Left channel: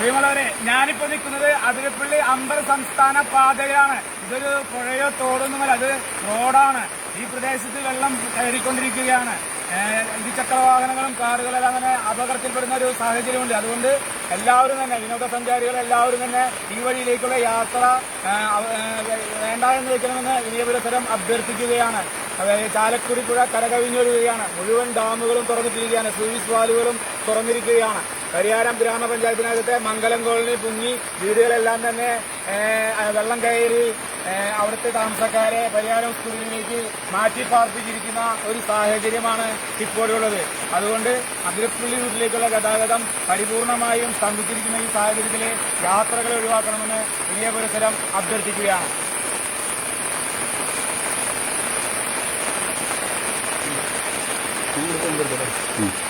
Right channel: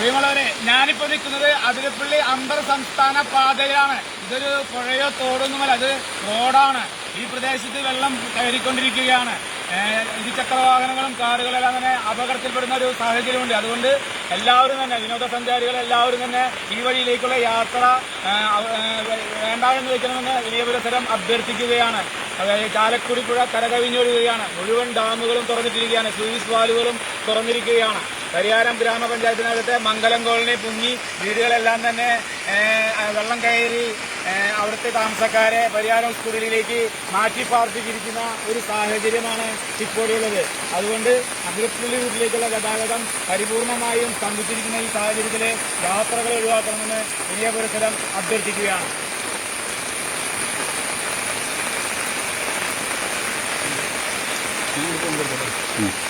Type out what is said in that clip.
പ്രിയമുള്ളവരെ, ഞാനിപ്പോ നിൽക്കുന്നത് അതിരപ്പള്ളി അന്തർ സംസ്ഥാന പാതയിലാണ്. ഇതൊരു പുഴയോ തോടൊന്നുമല്ല, അത് റോഡാണ്. ഈ പ്രദേശത്ത് വെള്ളം കയറിക്കൊണ്ടിരിക്കുകയാണ്. ഇരുചക്ര വാഹനങ്ങളും കാറുകളെല്ലാം തന്നെ അപകടത്തിൽപ്പെടുന്ന ഒരു സാഹചര്യമുണ്ട്. അതുകൊണ്ട് എല്ലാവരും തന്നെ, വിനോദസഞ്ചാരികൾ എല്ലാവരും തന്നെ ഈ വഴിയിലേക്കുള്ള യാത്ര വേണ്ട എന്ന് വെക്കണമെന്ന് വിനയപുരസരം അഭ്യർത്ഥിക്കുകയാണ്. ചാലക്കുടി പുഴ കരകവിഞ്ഞൊഴുകുകയാണ്. മുഴുവൻ ഡാമുകളും തുറന്നിട്ടിരിക്കുകയാണ്. സ്ലൂയിസ് വാലുകളും തുറന്നിരിക്കുകയാണ്. പരിയാരം ഗ്രാമപഞ്ചായത്തിനകത്തെ മംഗലം കോളനി പൊങ്ങി വീടുകളെല്ലാം തന്നെ വെള്ളം കയറി അവിടുത്തെ താമസക്കാരെ പരിയാരം സ്കൂളിലേക്ക് മാറ്റി പാർപ്പിച്ചിരിക്കുന്ന ഒരു സാഹചര്യമാണ് ഇപ്പോഴുള്ളത്. അതുകൊണ്ട് അതിരപ്പള്ളി റൂട്ടിലേക്കുള്ള ഗതാഗതം പരിപൂർണമായും സ്തംഭിച്ചിരിക്കുന്ന ഈ സാഹചര്യത്തിലെ യാത്രകൾ ഒഴിവാക്കണമെന്ന് വിനയപുരസരം അഭ്യർത്ഥിക്കുകയാണ്. Ini